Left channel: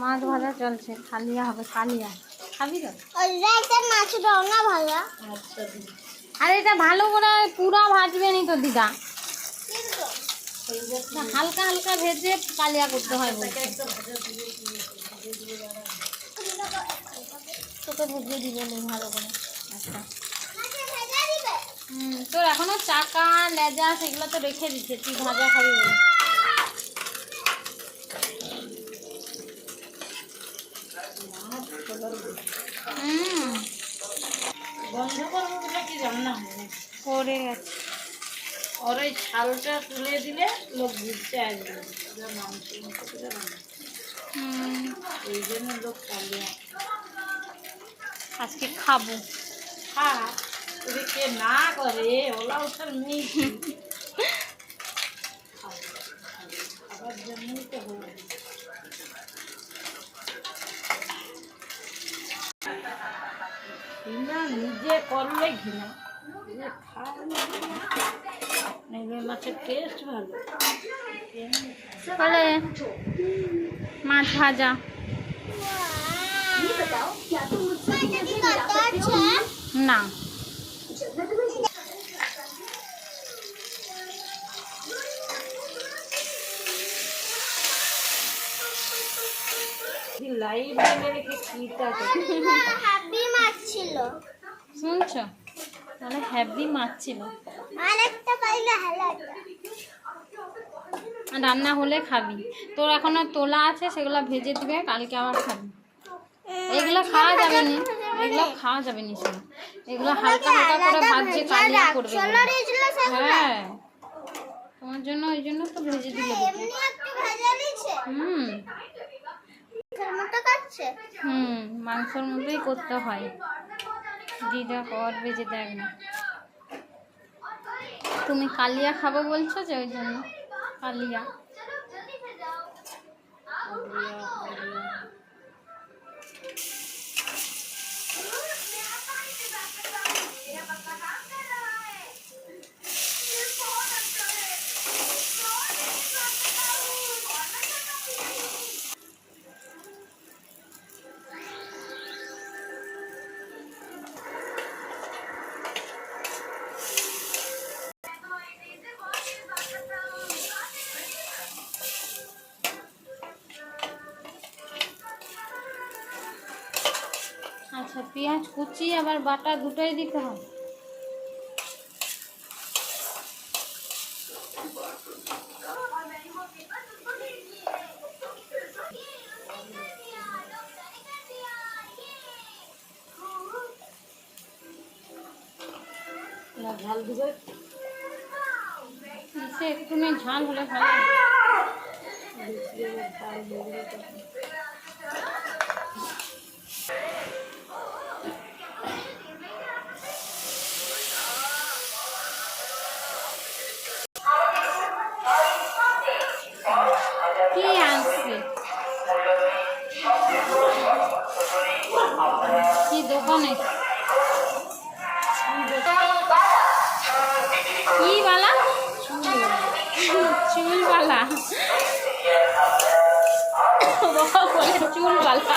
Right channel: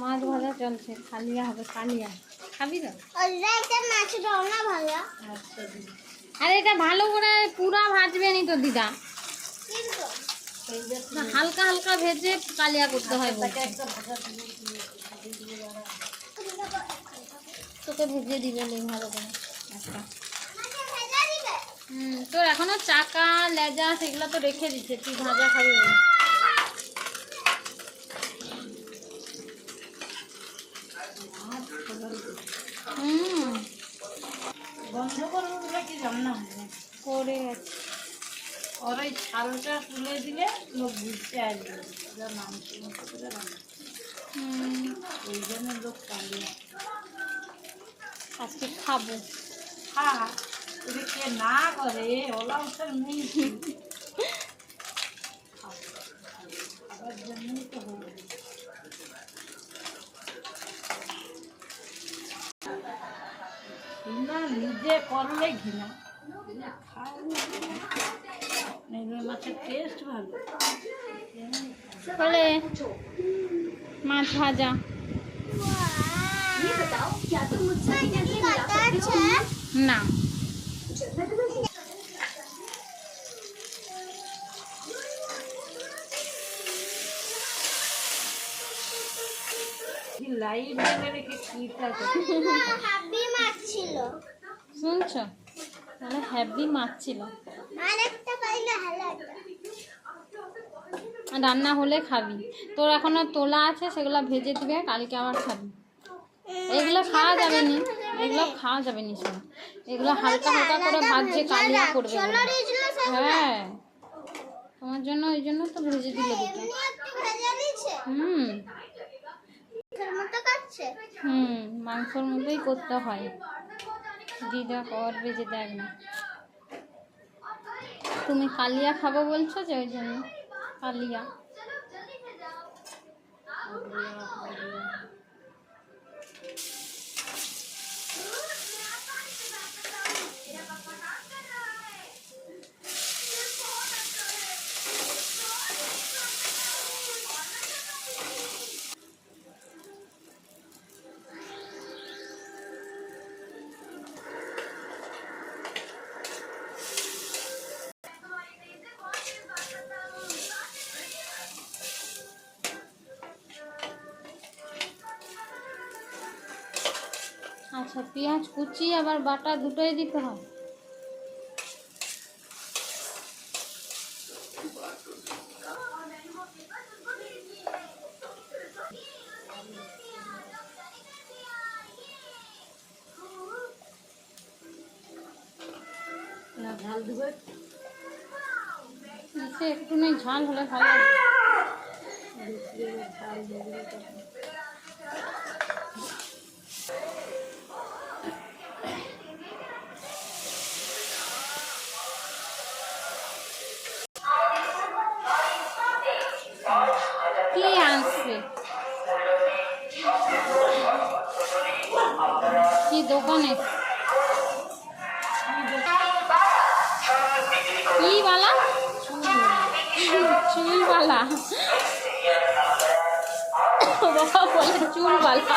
মাছ ভাজা চলছে খালিয়া হবে কালিয়া। খাবি তো? মাছ রান্না ভাজা। আচ্ছা আর এটা ভালো করে পুরা ভাজবে নি তো দিদা। হালকা হালকা ভেজে কালিয়া করতে হয় দিয়ে তোকে বুঝিয়ে দিবে নে ভালো করে। আচ্ছা। হুম তোর এখনও চাকা লেজা সেগুলো তো রেখে দিচ্ছে তুই ভাজা খাবি বলে। বন্ধ করব বলে কি হবে করে গেছে। ওর ওই ছালটা তুলে দিলে লোক বুঝতে আসবে। মাংস এই জন্য লোক কালিয়া আজকে খাব। হ্যাঁ যদি কে না করে ওলা ওঠার নেই খাবার জন্যই তো হলো নিজে করলে ঘৃণা। মাছের টেস্ট ভালো। বলে মাছ ভাজা। কি না লাইভ নেমে রেখে কিটা হাবি মাছ ছিল। শুনছো তাহলে হ্যাভি মাছ ছিল। রান্না হলে খাবি। তোর এখনও তোলা আছে সেগুলো ভেজে দিবে কালকে আবার খাবি। এগুলো খাওয়া যাবে না এগুলো খাওয়া যাবে না শোনো। এগুলো হালকা হালকা করে ভাজছে কালিয়া করবে হ্যাঁ। তোমার জন্য ওই জন্য তো ভেজে দিলে হুম। হুম মাংসর মতোই করতে হয়। দিদা করবে দেখ না। তুমি কালিয়া খাব বলছো যে ওই জন্য? কালিয়া। আচ্ছা পেঁয়াজ কুচি আবার বাটা দুটোই দিতে না ঝাল দিবে? একটুখানি ঝাল হলে ভালো কি আনছে? কি দোকানে? কি বালা? চুল বালা। বাবা বলে চুল বালা।